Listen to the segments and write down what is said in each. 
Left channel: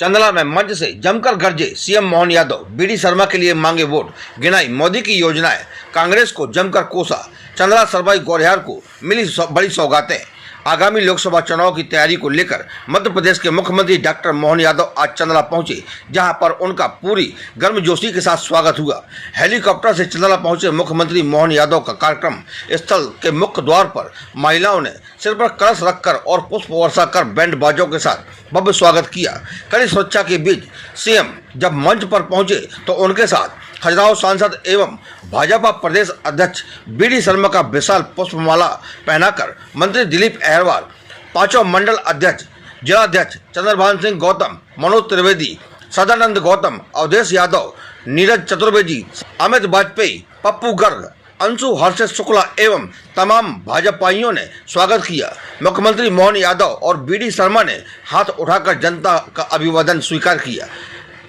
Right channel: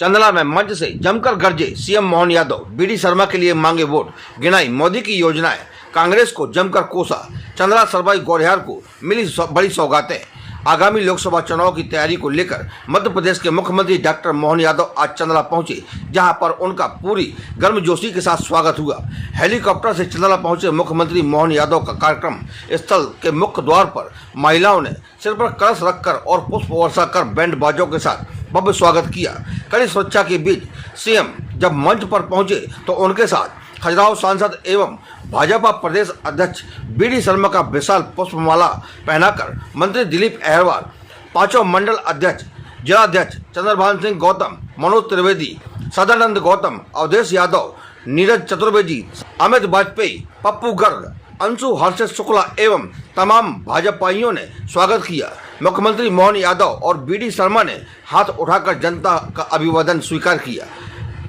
चंदला में मंच से जमकर गरजे सीएम मोहन यादव, बीडी शर्मा के लिए मांगे वोट, गिनाई मोदी की योजनाएं, कांग्रेस को जमकर कोसा। चंदला सरवाई गौरिहार को मिली बड़ी सौगातें। आगामी लोकसभा चुनाव की तैयारी को लेकर मध्य प्रदेश के मुख्यमंत्री डॉक्टर मोहन यादव आज चंदला पहुंचे, जहां पर उनका पूरी गर्मजोशी के साथ स्वागत हुआ। हेलीकॉप्टर से चंदला पहुंचे मुख्यमंत्री मोहन यादव का कार्यक्रम स्थल के मुख्य द्वार पर महिलाओं ने सिर पर कलश रखकर और पुष्प वर्षा कर बैंड बाजों के साथ भव्य स्वागत किया। कड़ी सुरक्षा के बीच सीएम जब मंच पर पहुंचे तो उनके साथ खजुराहो सांसद एवं भाजपा प्रदेश अध्यक्ष बीडी शर्मा का विशाल पुष्पमाला पहनाकर मंत्री दिलीप अहरवाल, पांचों मंडल अध्यक्ष, जिलाध्यक्ष चंद्रभान सिंह गौतम, मनोज त्रिवेदी, सदानंद गौतम, अवधेश यादव, नीरज चतुर्वेदी, अमित वाजपेयी, पप्पू गर्ग, अंशु हर्षित शुक्ला एवं तमाम भाजपाइयों ने स्वागत किया। मुख्यमंत्री मोहन यादव और बीडी शर्मा ने हाथ उठाकर जनता का अभिवादन स्वीकार किया।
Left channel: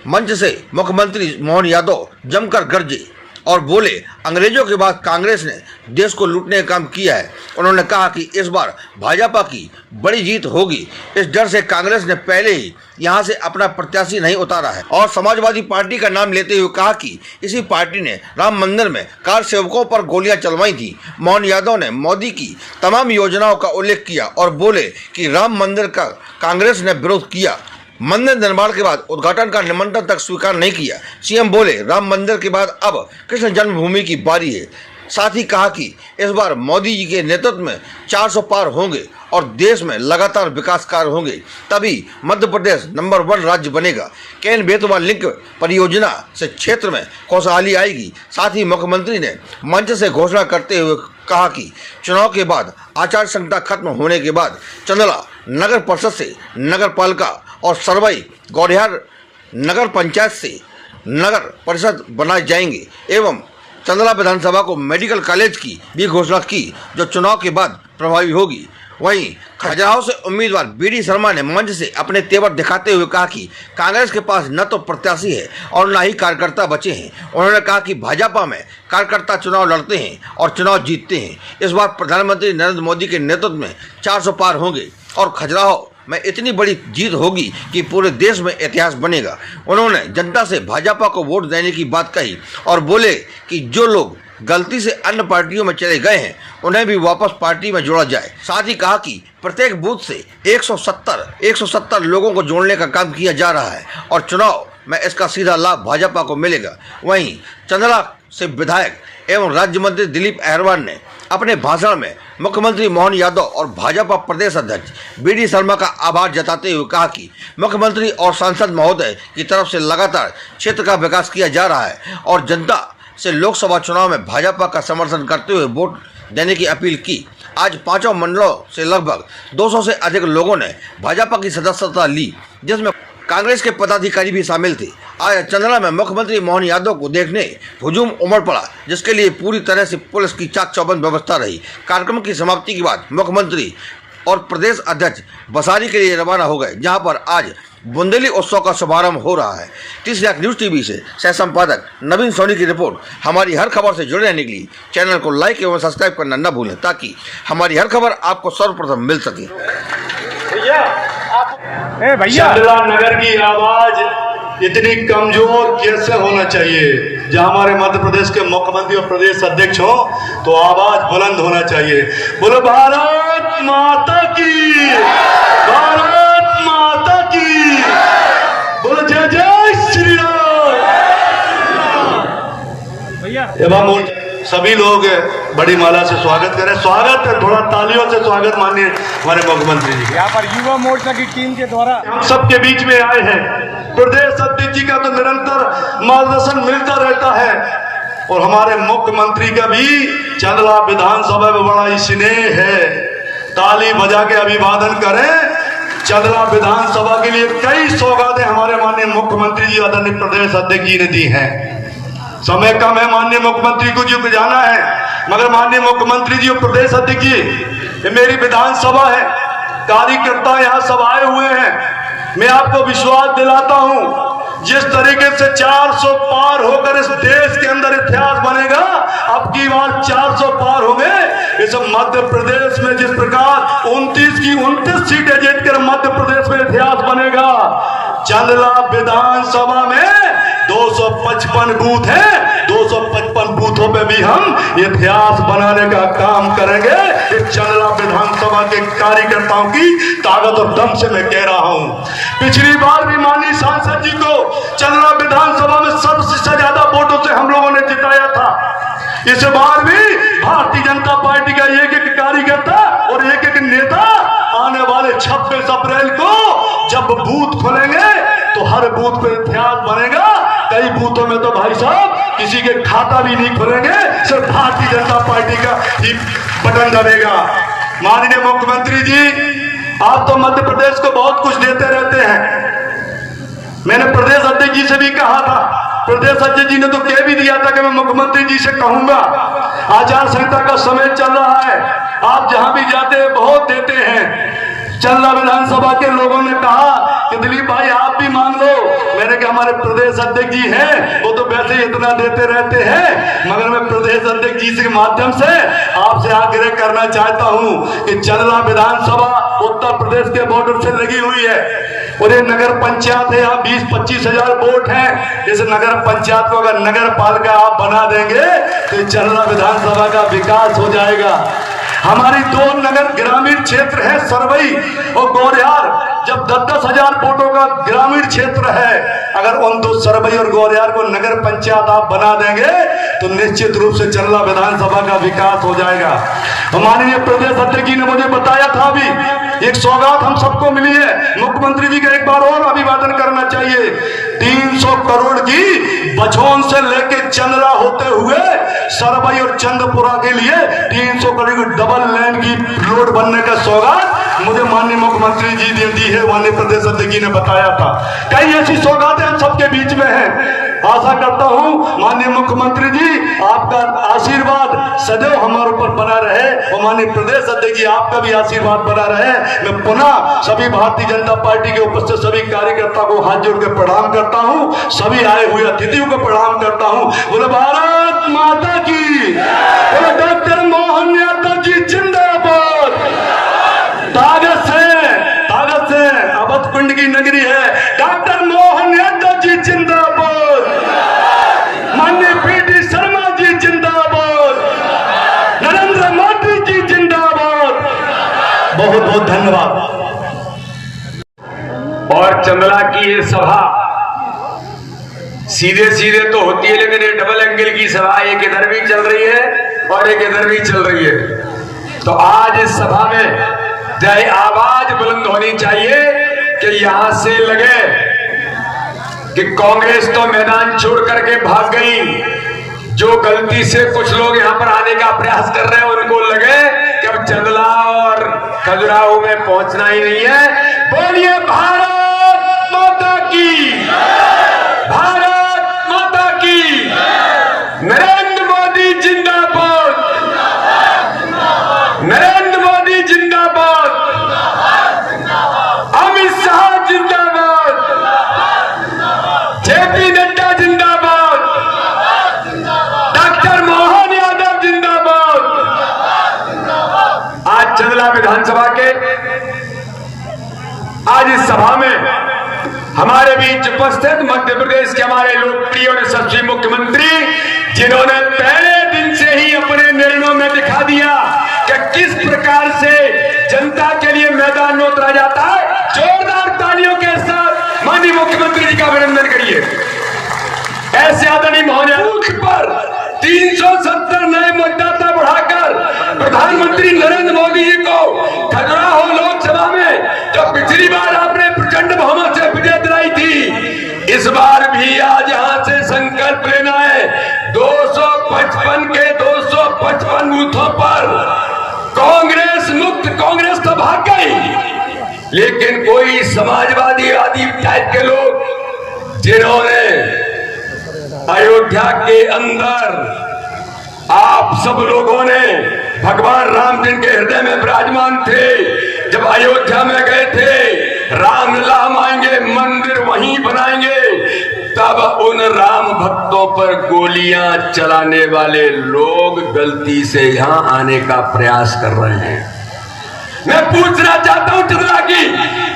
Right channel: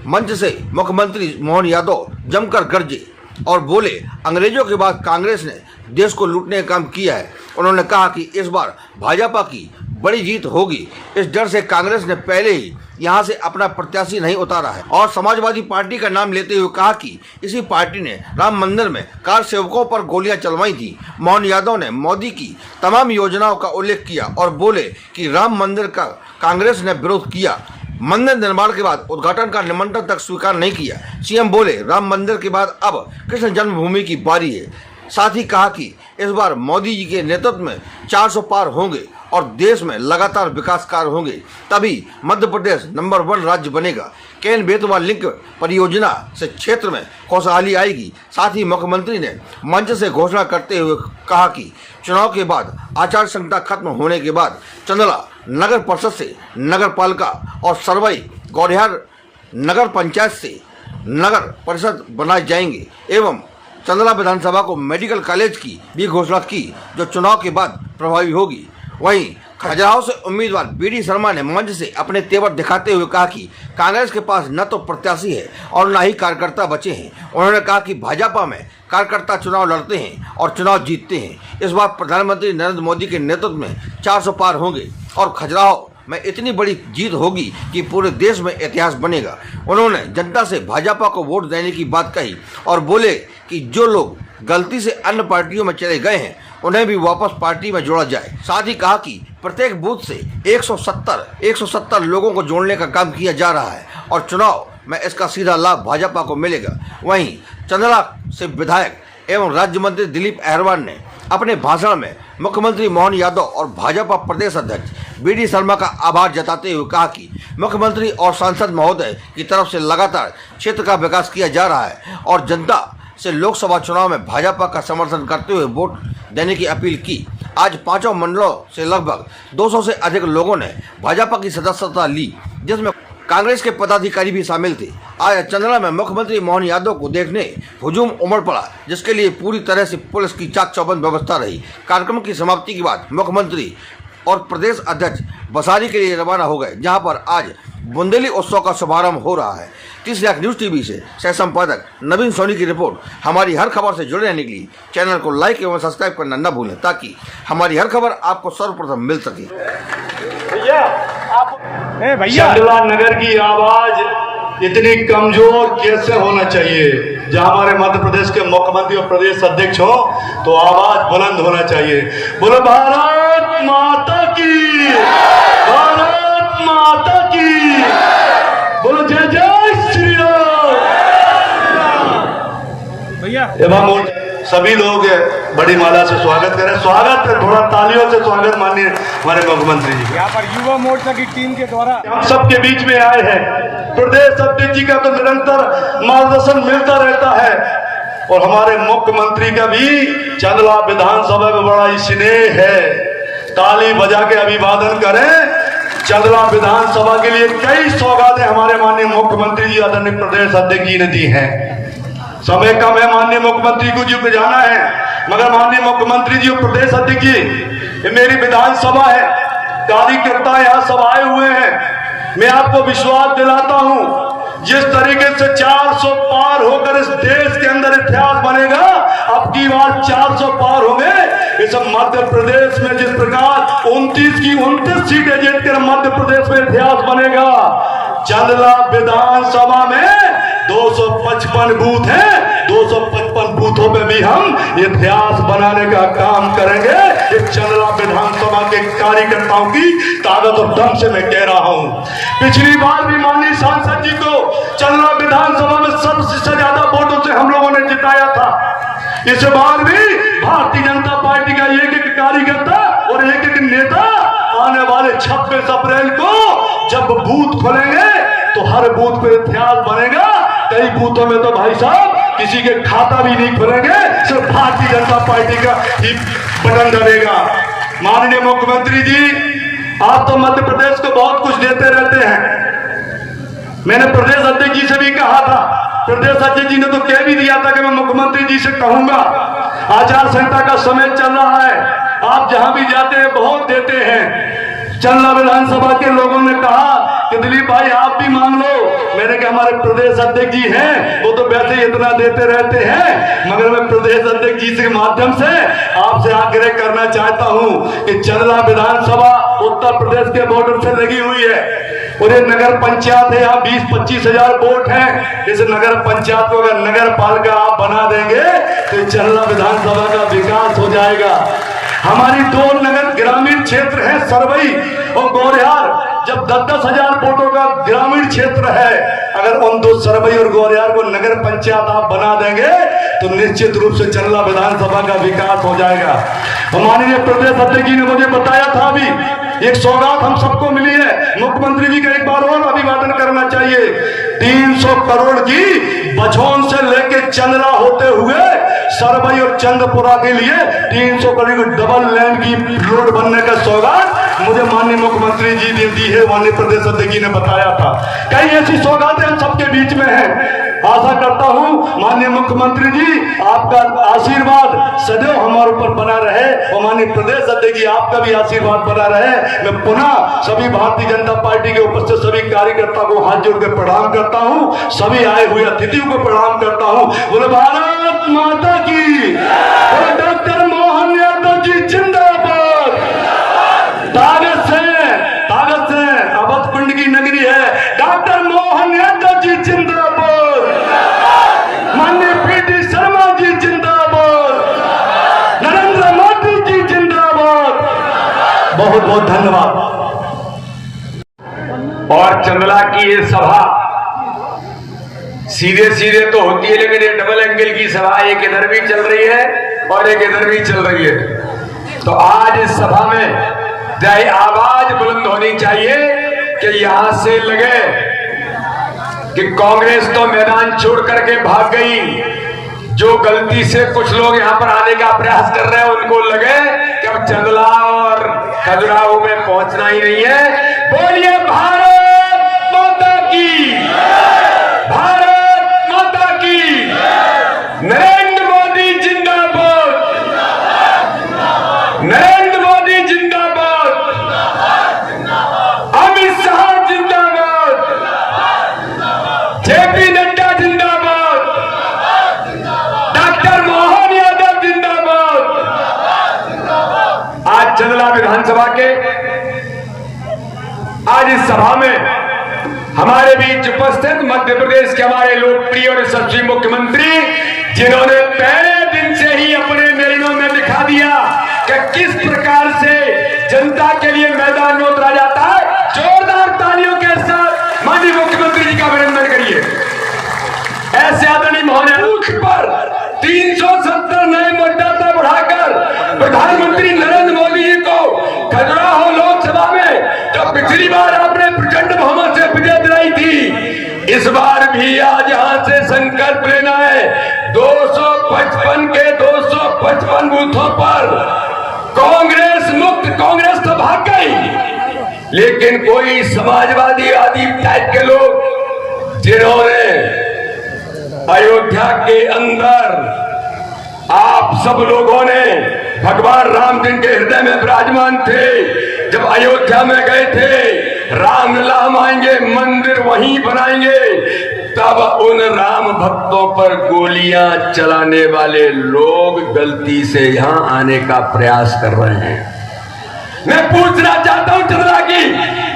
मंच से मुख्यमंत्री मोहन यादव जमकर गरजे और बोले, अंग्रेजों के बाद कांग्रेस ने देश को लूटने का काम किया है। उन्होंने कहा कि इस बार भाजपा की बड़ी जीत होगी। इस डर से कांग्रेस ने पहले ही यहां से अपना प्रत्याशी नहीं उतारा है। और समाजवादी पार्टी का नाम लेते हुए कहा कि इसी पार्टी ने राम मंदिर में कार सेवकों पर गोलियां चलवाई थी। मोहन यादव ने मोदी की तमाम योजनाओं का उल्लेख किया और बोले कि राम मंदिर का कांग्रेस ने विरोध किया। मंदिर निर्माण के बाद उद्घाटन का निमंत्रण तक स्वीकार नहीं किया। सीएम बोले, राम मंदिर के बाद अब कृष्ण जन्मभूमि की बारी है। साथ ही कहा कि इस बार मोदी जी के नेतृत्व में 400 पार होंगे और देश में लगातार विकास कार्य होंगे, तभी मध्य प्रदेश नंबर 1 राज्य बनेगा। केन बेतवा लिंक परियोजना से क्षेत्र में खुशहाली आएगी। साथ ही मुख्यमंत्री ने मंच से घोषणा करते हुए कहा कि चुनाव के बाद आचार संहिता खत्म होने के बाद चंदला नगर परिषद से नगर पालिका और सरवाई गौरिहार नगर पंचायत से नगर परिषद बनाए जाएंगे एवं चंदला विधानसभा को मेडिकल कॉलेज की भी घोषणा की, जो चुनाव के बाद प्रभावी होगी। वहीं खजुराहो से उम्मीदवार बीडी शर्मा ने मंच से अपने तेवर दिखाते हुए कहा कि कांग्रेस के पास न तो प्रत्याशी है और न ही कार्यकर्ता बचे हैं। उन्होंने कहा कि भाजपा में कार्यकर्ता चुनाव लड़ते हैं और चुनाव जीतते हैं। इस बार प्रधानमंत्री नरेंद्र मोदी के नेतृत्व में 400 पार होंगे और खजुराहो में इतनी बड़ी जीत होगी कि पूरे देश में इतिहास बनेगा। उन्होंने जनता से भाजपा को वोट देने की बात कही और बोले कि जो लोग गलती से अन्य पार्टियों में चले गए हैं उन्हें भी वापस पार्टी में जोड़ा जाए। साथ ही कहा कि प्रत्येक बूथ से 170 लोगों को जोड़ने का काम किया जा रहा है और चुनाव में इसका सीधा लाभ भाजपा को मिलेगा। वहीं चंदला से विधायक एवं राज्य मंत्री दिलीप अहरवाल ने अपने भाषण में मुख्यमंत्री मोहन यादव और भाजपा प्रदेश अध्यक्ष बीडी शर्मा का आभार जताते हुए कहा कि मुख्यमंत्री और सांसद महोदय की तरफ से लगातार क्षेत्र का विकास किया जा रहा है और जनता से लोकसभा चुनाव में भाजपा का समर्थन करते हुए वोट देने की अपील की। आज पांचों मंडलों से लगभग 200 से अधिक लोगों ने भाजपा की सदस्यता ली, जिसमें कांग्रेस के पदाधिकारी भी शामिल थे। आज चंदला में मुख्यमंत्री मोहन यादव को देखने हुजूम उमड़ पड़ा, जिसके लिए पूरी तरह से पुलिस की चाक चौबंद व्यवस्था रही। कार्यक्रम की समाप्ति के बाद मुख्यमंत्री और प्रदेश अध्यक्ष बसारी के लिए रवाना हो गए, जहां पर आज बुंदेली उत्सव का शुभारंभ हो रहा है। 30 लाख न्यूज़ टीवी से सह संपादक नवीन सोनी की रिपोर्ट। हमारी हर खबर से जुड़े रहने के लिए चैनल को लाइक एवं सब्सक्राइब करना न भूलें, ताकि हमारी हर खबर आपको सर्वप्रथम मिल सके। चंदला नगर की आवाज इतनी कमजोर कैसे होना चाहिए? जहां हमारे मध्य प्रदेश के मुख्यमंत्री और प्रदेश अध्यक्ष हो तो आवाज बुलंद होना चाहिए। बोलो भारत माता की, भारत माता की, बोलो जय जय श्री राम। एवं सभी लोग बड़ी माला से स्वागत करें। स्वागत है, थोड़ा तालियों से स्वागत मानिए हमारे मुख्यमंत्री जी। यहाँ पर युवा मोर्चा की टीम के द्वारा हम सबके बीच में आए हैं। प्रदेश अध्यक्ष जी का तो निरंतर मार्गदर्शन मिलता रहता है और हमारे मुख्यमंत्री का भी चंदला विधानसभा में बड़ा स्नेह है। ताली बजा के अभिवादन करें। चंदला विधानसभा के लिए कई सौगातें हमारे माननीय मुख्यमंत्री जी आदरणीय प्रदेश अध्यक्ष जी ने दी हैं। समय कम है, माननीय मुख्यमंत्री को जी जाना है, मगर माननीय मुख्यमंत्री जी और प्रदेश अध्यक्ष जी, ये मेरी विधानसभा है, कार्यकर्ता यहाँ सब आए हुए हैं। मैं आपको विश्वास दिलाता हूं, जिस तरीके से 400 पार होकर इस देश के अंदर इतिहास बनेगा, अब की बार 400 पार होंगे। इस मध्य प्रदेश में जिस प्रकार 29 की 29 सीटें जीतकर मध्य प्रदेश में इतिहास बनेगा, चंदला विधानसभा में 255 बूथ हैं, 255 बूथों पे भी हम इतिहास बनाने का काम करेंगे। इस चंदला विधानसभा के कार्यकर्ताओं की ताकत और दम से मैं कह रहा हूं। पिछली बार भी माननीय सांसद जी को चंदला विधानसभा में सबसे ज्यादा वोटों से हम लोगों ने जिताया था। इस बार भी भारतीय जनता पार्टी का एक एक कार्यकर्ता और एक एक नेता आने वाले 26 अप्रैल को जब बूथ खोलेंगे तो हर बूथ पे इतिहास बनेगा। कई बूथों में तो भाई साहब किसी के खाता भी नहीं खोलेंगे, सिर्फ भारतीय जनता पार्टी का ही बटन दबेगा। माननीय मुख्यमंत्री जी, आप तो मध्य प्रदेश को बहुत कुछ देते रहते हैं। मैंने प्रदेश अध्यक्ष जी से भी कहा था, प्रदेश अध्यक्ष जी ने तो कह भी दिया था कि मैं मुख्यमंत्री जी से कहूंगा। आचार संहिता का समय चल रहा है, आप जहां भी जाते हैं बहुत देते हैं। चंदला विधानसभा के लोगों ने कहा कि दिलीप भाई आप भी मांग लो। मैंने कहा हमारे प्रदेश अध्यक्ष जी हैं, वो तो वैसे ही इतना देते रहते हैं, मगर मैं प्रदेश अध्यक्ष जी के माध्यम से आपसे आग्रह करना चाहता हूं कि चंदला विधानसभा उत्तर प्रदेश के बॉर्डर से लगी हुई है और ये नगर पंचायत है, यहाँ 20-25 हजार वोट हैं। इस नगर पंचायत को अगर नगर पालिका आप बना देंगे तो चंदला विधानसभा का विकास हो जाएगा। हमारी 2 नगर ग्रामीण क्षेत्र है, सरवई और गौरियार। जब 10-10 हजार वोटों का ग्रामीण क्षेत्र है, अगर उन 2 सरवई और गौरियार को नगर पंचायत आप बना देंगे तो निश्चित रूप से चंदला विधानसभा का विकास हो जाएगा। माननीय प्रदेश अध्यक्ष जी ने मुझे बताया था, अभी एक सौगात हम सबको मिली है। मुख्यमंत्री जी का एक बार और अभिवादन करना चाहिए। 300 करोड़ की बछौन से लेके चंदला होते हुए सरवई और चंद्रपुरा के लिए 300 करोड़ की डबल लेन की रोड बनने का सौगात मुझे माननीय मुख्यमंत्री जी ने दी है, माननीय प्रदेश अध्यक्ष जी ने बताया था। कई ऐसी सौगातें हम सबके बीच में है। आशा करता हूं माननीय मुख्यमंत्री जी आपका आशीर्वाद सदैव हमारे ऊपर बना रहे और माननीय प्रदेश अध्यक्ष जी आपका भी आशीर्वाद बना रहे। मैं पुनः सभी भारतीय जनता पार्टी के उपस्थित सभी कार्यकर्ता को हाथ जोड़ के प्रणाम करता हूं, सभी आए हुए अतिथियों को प्रणाम करता हूं। बोले भारत माता की, बोले डॉक्टर मोहन यादव जी जिंदाबाद। ताकत से अवध कुंड की नगरी है, डॉक्टर मोहन यादव जी जिंदाबाद, माननीय पीटी शर्मा जी जिंदाबाद, नरेंद्र मोदी जी जिंदाबाद। बहुत बहुत धन्यवाद। और चंदला की ये सभा सीधे सीधे तो होती है, लेकिन ये डबल एंगल की सभा एक इधर भी चल रही है और एक इधर भी चल रही है। तो आज इस सभा में आवाज बुलंद होनी चाहिए कि यहां से लगे कि कांग्रेस तो मैदान छोड़ करके भाग गई। जो गलती से कुछ लोग यहां पर आने का प्रयास कर रहे हैं उनको लगे कि अब चंदला और खजुराहो में पहुंचना ही नहीं है। बोलिए भारत माता की, भारत माता की, नरेंद्र मोदी जिंदाबाद, नरेंद्र मोदी जिंदाबाद, अमित शाह जिंदाबाद, जेपी नड्डा जिंदाबाद, डॉक्टर मोहन यादव जिंदाबाद। आज चंदला विधानसभा के आज इस सभा में हमारे बीच उपस्थित मध्य प्रदेश के हमारे लोकप्रिय और यशस्वी मुख्यमंत्री, जिन्होंने पहले दिन से ही अपने निर्णयों में दिखा दिया कि किस प्रकार से जनता के लिए मैदान में उतरा जाता है। जोरदार तालियों के साथ माननीय मुख्यमंत्री जी का अभिनंदन करिए। ऐसे आदरणीय महोदय, बूथ पर 370 नए मतदाता बढ़ाकर प्रधानमंत्री नरेंद्र मोदी जी को खजुराहो लोकसभा में जब पिछली बार आपने प्रचंड बहुमत से विजय दिलाई थी, इस बार भी आज यहां से संकल्प लेना है। 255 के 255 बूथों पर कांग्रेस मुक्त, कांग्रेस तो भाग गई, लेकिन कोई समाजवादी आदि टाइप के लोग जिन्होंने अयोध्या के अंदर आप सब लोगों ने भगवान राम जिनके हृदय में विराजमान थे, जब अयोध्या में गए थे, राम लाम आएंगे, मंदिर वहीं बनाएंगे, तब उन राम भक्तों पर गोलियां चलाने वाले लोग गलती से यहां आने का प्रयास कर रहे हैं। मैं पूछना चाहता हूं चंदला की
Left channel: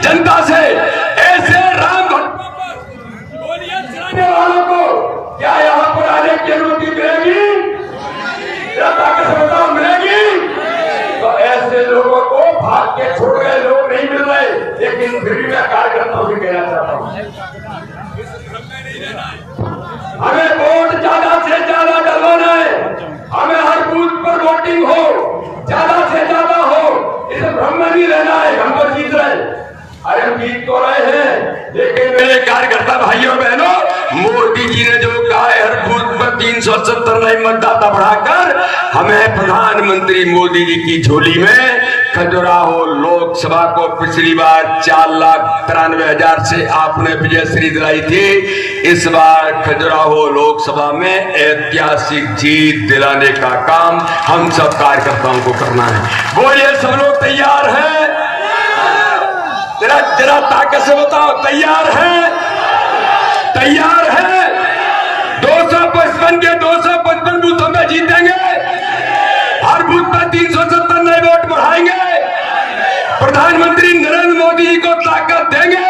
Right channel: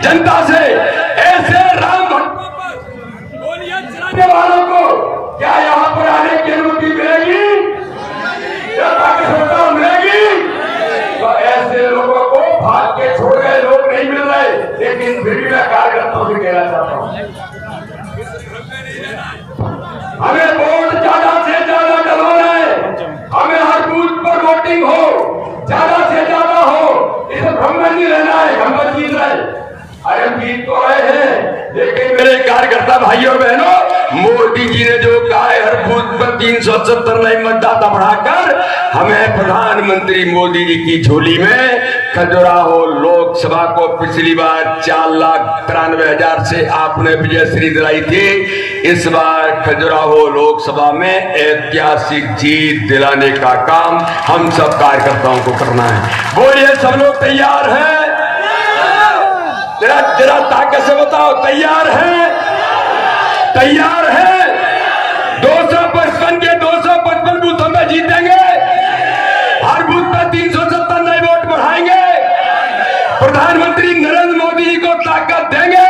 जनता से, ऐसे राम भक्त फिर भी मैं कार्यकर्ताओं से कहना चाहता हूं, हमें वोट ज्यादा से ज्यादा डलवाना है। हमें हर बूथ पर वोटिंग हो, ज्यादा से ज्यादा हो, इसे भ्रम में नहीं रहना है। हम बस जीत रहे, अरे हम जीत तो रहे हैं, लेकिन मेरे कार्यकर्ता भाइयों बहनों, मोदी जी ने जो कहा है हर बूथ पर 370 नए मतदाता बढ़ाकर, हमें प्रधानमंत्री मोदी जी की झोली में खजुराहो लोकसभा को पिछली बार 4,93,000 से आपने विजयश्री दिलाई थी। इस बार खजुराहो लोकसभा में ऐतिहासिक जीत दिलाने का काम हम सब कार्यकर्ताओं को करना है। बोलिए, सब लोग तैयार हैं? जरा ताकत से बताओ, तैयार हैं? तैयार हैं? 255 के 255 बूथों में जीतेंगे, हर बूथ पर 370 नए वोट बढ़ाएंगे, प्रधानमंत्री नरेंद्र मोदी जी को ताकत देंगे।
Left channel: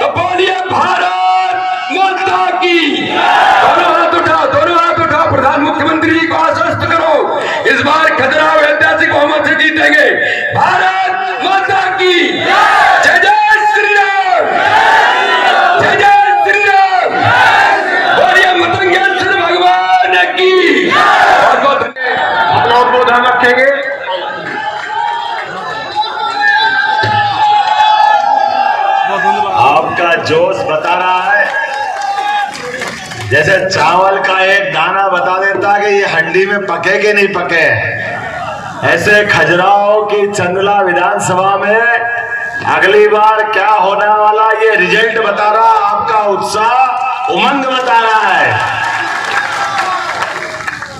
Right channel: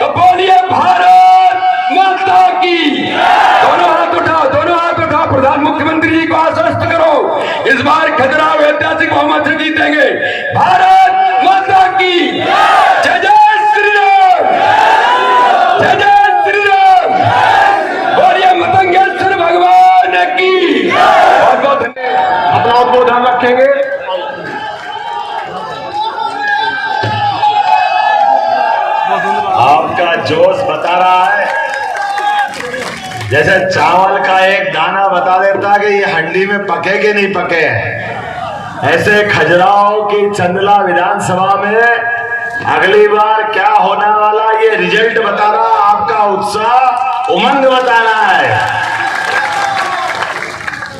तो बोलिए, भारत माता की। दोनों हाथ उठाओ, दोनों हाथ उठाओ, प्रधान मुख्यमंत्री जी को आश्वस्त करो, इस बार खजुराहो ऐतिहासिक बहुमत से जीतेंगे। भारत माता की जय, जय श्री राम, जय जय श्री राम। बोलिए, मतंगेश्वर भगवान की। बहुत बहुत धन्यवाद। अपना उद्बोधन रखेंगे। आपका जोश बता रहा है, जैसे चावल का एक दाना बता देता कि ये हंडी में पके कि नहीं पके। ऐसे खजुराहो की चंदला विधानसभा में अगली बार क्या होने वाला ये रिजल्ट बता रहा, आपका उत्साह उमंग बता रहा है।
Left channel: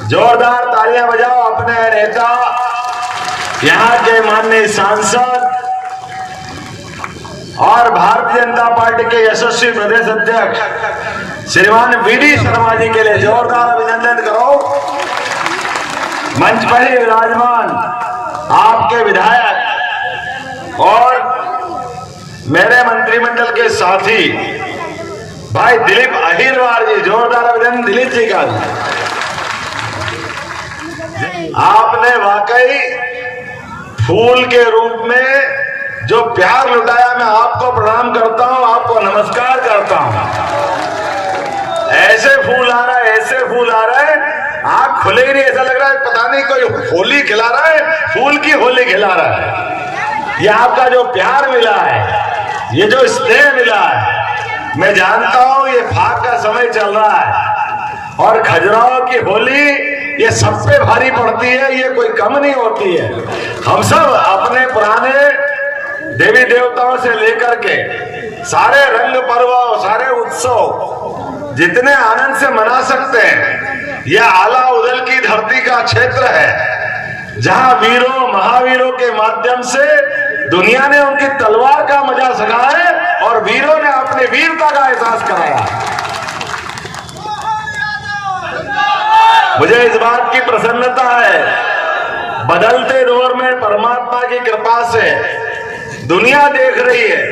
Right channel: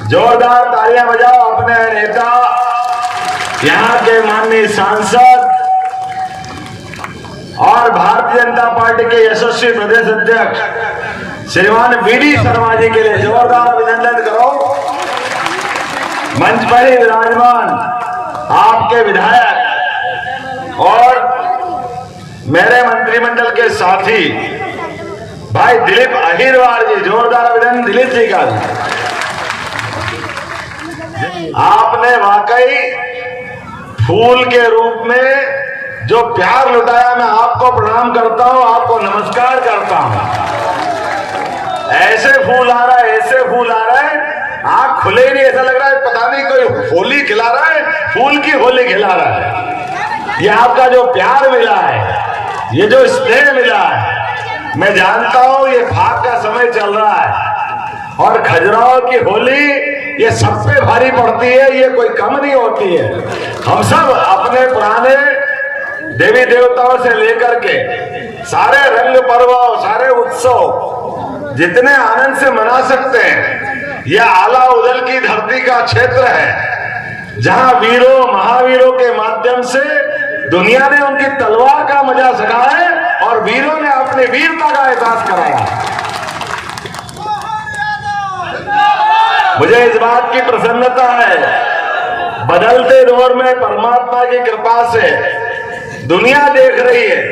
जोरदार तालियां बजाओ अपने नेता, यहाँ के माननीय सांसद और भारतीय जनता पार्टी के यशस्वी प्रदेश अध्यक्ष श्रीमान वीडी शर्मा जी के लिए जोरदार अभिनंदन करो। मंच पर ही विराजमान आपके विधायक और मेरे मंत्रिमंडल के साथी भाई दिलीप अहिरवार जी, जोरदार अभिनंदन दिलीप जी का। आपने वाकई फूल के रूप में जो प्यार लुटाया, मैं आपको प्रणाम करता हूं, आपको नमस्कार करता हूं। ऐसे फूल आ रहा है, ऐसे फूल आ रहा है, आंख खुले ही नहीं, ऐसा लग रहा है पता नहीं कोई होली खिला रहा है, फूल की होली खिला रहा है। ये आपका जो प्यार मिला है, ये जो स्नेह मिला है, मैं जानता हूं ये फाग का समय चल रहा है और खजुराहो की होली ये सब पे भारी पड़ती है, ये कोई कम नहीं होती है। हम सब अपने पुराने देवी देवताओं से लेकर के सारे रंग पर्व, सारे उत्सव जितने आनंद से मना सकते हैं, यह आला उदल की धरती का क्षेत्र है, जहां वीरों महावीरों के माध्यम से दुनिया ने उनकी तलवार का मजा सका है और वीरों ने अपनी वीरता का एहसास कराया। मुझे इस बात की प्रसन्नता है, बदलते दौर में परमात्मा की कृपा से दुनिया देख रही है,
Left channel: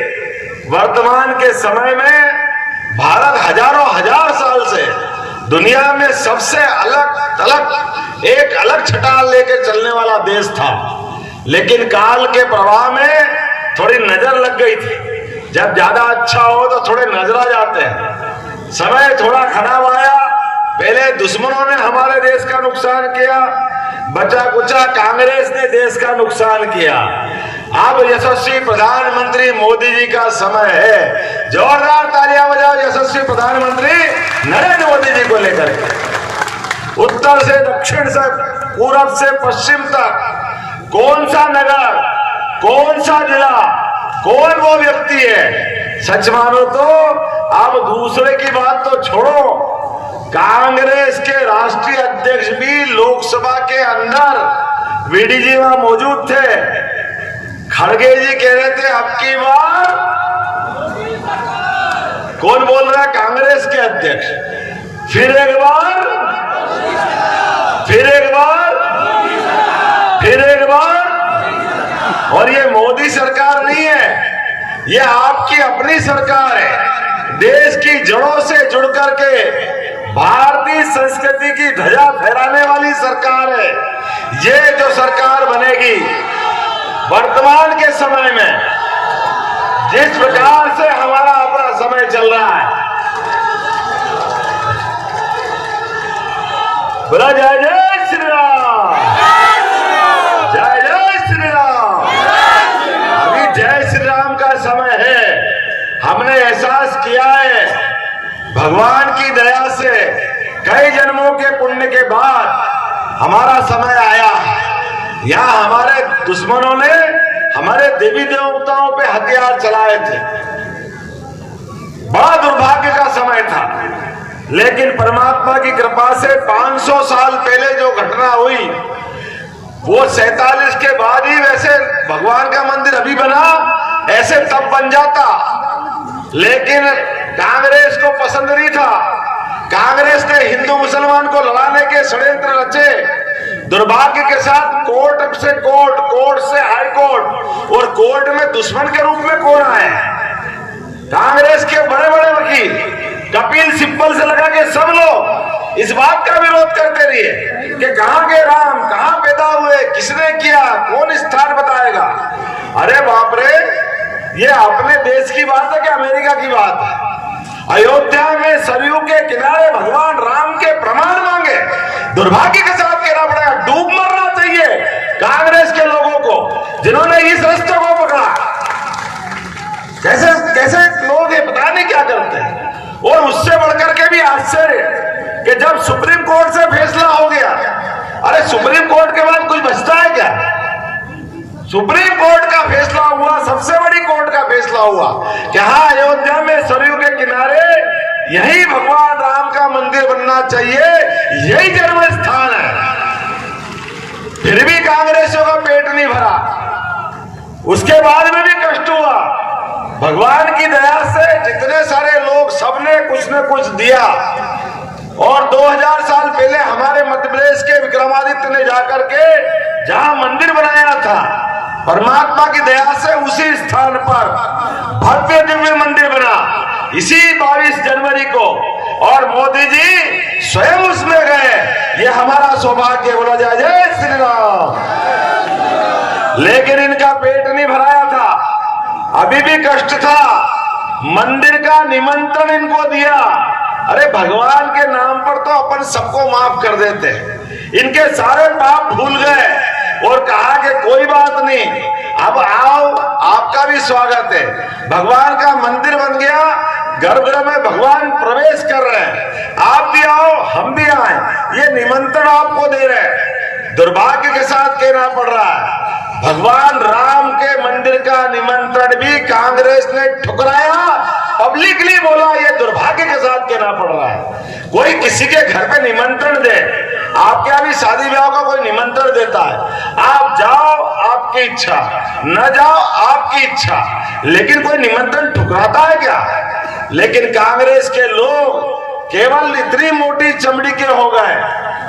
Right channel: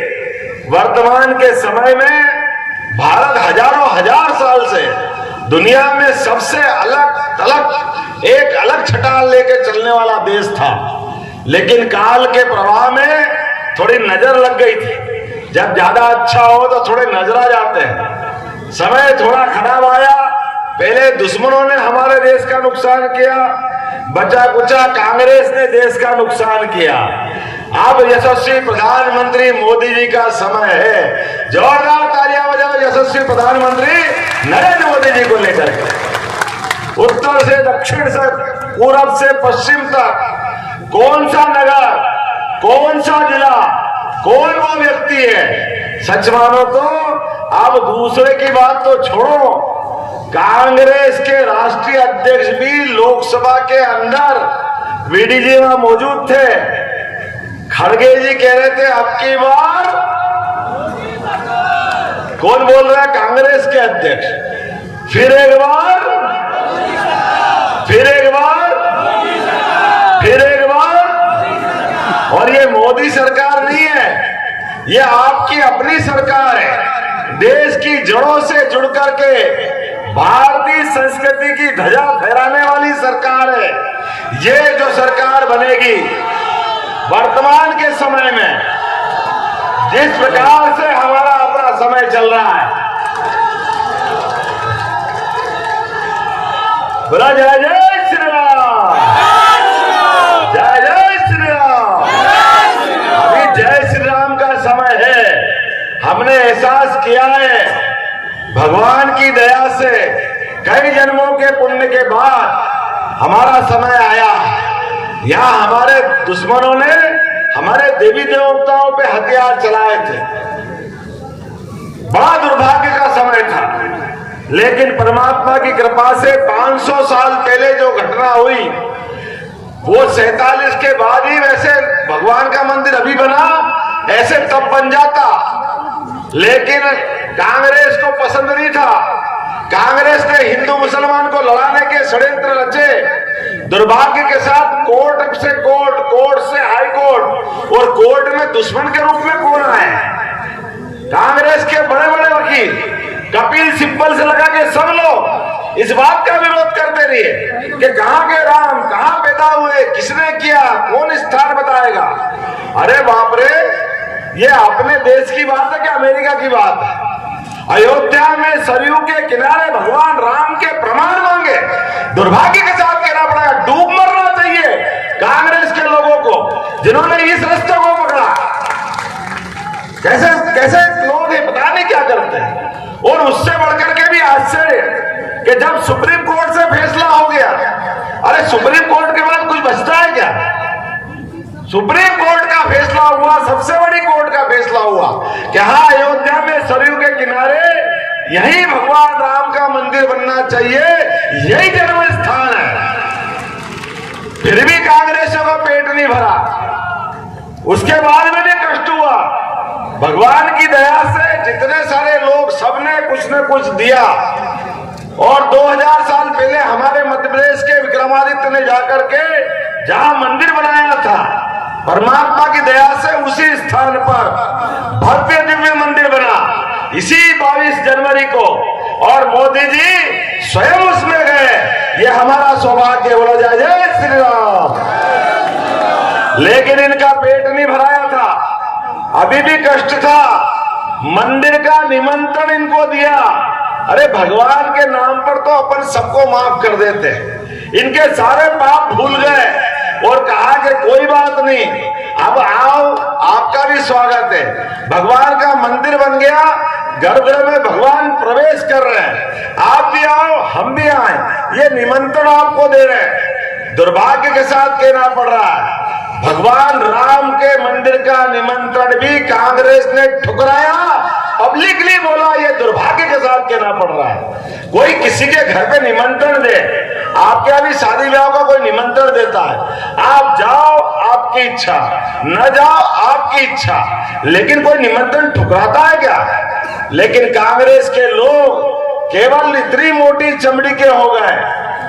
वर्तमान के समय में भारत हजारों हजार साल से दुनिया में सबसे एक अलग छटाल लेके चलने वाला देश था, लेकिन काल के प्रवाह में थोड़ी नजर लग गई थी। जब ज्यादा अच्छा हो तो थोड़े नजर आ जाते हैं। समय थोड़ा खराब आया, पहले दुश्मनों ने हमारे देश का नुकसान किया, बचा कुचा कांग्रेस ने देश का नुकसान किया। अब यशस्वी प्रधानमंत्री मोदी जी का समय है, जोरदार तालियां बजाओ यशस्वी प्रधानमंत्री नरेंद्र मोदी जी को लेकर के। उत्तर से दक्षिण से, पूरब से पश्चिम तक, कौन सा नगर, कौन सा जिला, कौन वो व्यक्ति है, सच मानो तो अब दूसरे की बात तो छोड़ो, कांग्रेस के राष्ट्रीय अध्यक्ष भी लोकसभा के अंदर वीडी जी वहां मौजूद थे। खड़गे जी कह रहे थे अब की बार, कौन बोल रहा है, कांग्रेस के अध्यक्ष, फिर एक बार, फिर एक बार, फिर एक बार। और ये मोदी सरकार नहीं है, ये आपकी अपनी सरकार है, देश की जड़ों से जुड़ करके भारतीय संस्कृति की ध्वजा फहराने वाली सरकार है। ये जो सरकार बनेगी वर्तमान के समय में, जिस प्रकार से हमारा अपना समय चल रहा है, बोला जय जय श्री राम, जय जय श्री राम। अभी जय श्री राम का समय है। हमने एहसास किया है भगवान की दया से कई जन्मों के पुण्य के बाद हमारा समय आया। यहाँ हमारे दुश्मनों ने हमारे देवी देवताओं पे हथियार चलाए थे। बड़ा दुर्भाग्य का समय था, लेकिन परमात्मा की कृपा से 500 साल पहले जो घटना हुई वो 47 के बाद ही, वैसे भगवान का मंदिर अभी बना, ऐसे तब बन जाता, लेकिन कांग्रेस को पसंद नहीं था। कांग्रेस ने हिंदू मुसलमान को लड़ाने के षड्यंत्र रचे। दुर्भाग्य के साथ कोर्ट से कोर्ट, कोर्ट से हाई कोर्ट, और कोर्ट में दुश्मन के रूप में कौन आए? कांग्रेस के बड़े बड़े वकील कपिल सिब्बल से लगा के सब लोग इस बात का विरोध करते रहे कि कहां के राम, कहां पैदा हुए, किसने किया, कौन स्थान बताएगा। अरे बाप रे, ये अपने देश की बात है कि अमेरिका की बात है? अयोध्या में सरयू के किनारे भगवान राम के प्रमाण मांगे। दुर्भाग्य के साथ कहना पड़ेगा, डूब मरना चाहिए कांग्रेस के लोगों को जिन्होंने इस रास्ते को पकड़ा। कैसे कैसे लोग ये पता नहीं क्या करते हैं। और उससे बढ़कर के भी आश्चर्य कि जब सुप्रीम कोर्ट से फैसला हो गया, अरे सुप्रीम कोर्ट के बाद कुछ बचता है क्या? सुप्रीम कोर्ट का फैसला हुआ, सबसे बड़ी कोर्ट का फैसला हुआ कि हाँ, अयोध्या में सरयू के किनारे यही भगवान राम का मंदिर बनना चाहिए, यही जन्म स्थान है। फिर भी कांग्रेसियों का पेट नहीं भरा, उसके बाद में भी कष्ट हुआ। भगवान की दया से जितने सारे लोग, सबने कुछ न कुछ दिया। और 2000 साल पहले हमारे मध्य प्रदेश के विक्रमादित्य ने जाकर के जहां मंदिर बनाया था, परमात्मा की दया से उसी स्थान पर भव्य दिव्य मंदिर बना इसी 22 जनवरी को, और मोदी जी स्वयं उसमें गए। ये हमारा सौभाग्य, बोला जाए जय श्री राम। लेकिन इनका पेट नहीं भराया था, अभी भी कष्ट था। मंदिर का निमंत्रण इनको दिया। अरे भगवान के नाम पर तो अपन सबको माफ कर देते हैं। इनके सारे पाप भूल गए और कहा कि कोई बात नहीं, अब आओ, आपका भी स्वागत है। भगवान का मंदिर बन गया, गर्भगृह में भगवान प्रवेश कर रहे हैं। आप भी आओ, हम भी आए, ये निमंत्रण आपको दे रहे हैं। दुर्भाग्य के साथ कहना पड़ रहा है, भगवान राम के मंदिर का निमंत्रण भी कांग्रेस ने ठुकराया, पब्लिकली बोला। ये दुर्भाग्य के साथ कहना पड़ रहा है। कोई किसी के घर पे निमंत्रण दे, आपके यहाँ भी शादी ब्याह का कोई निमंत्रण देता है, आप जाओ, आपकी इच्छा, न जाओ, आपकी इच्छा, लेकिन कोई निमंत्रण ठुकराता है क्या? लेकिन कांग्रेस के लोग केवल इतनी मोटी चमड़ी के हो गए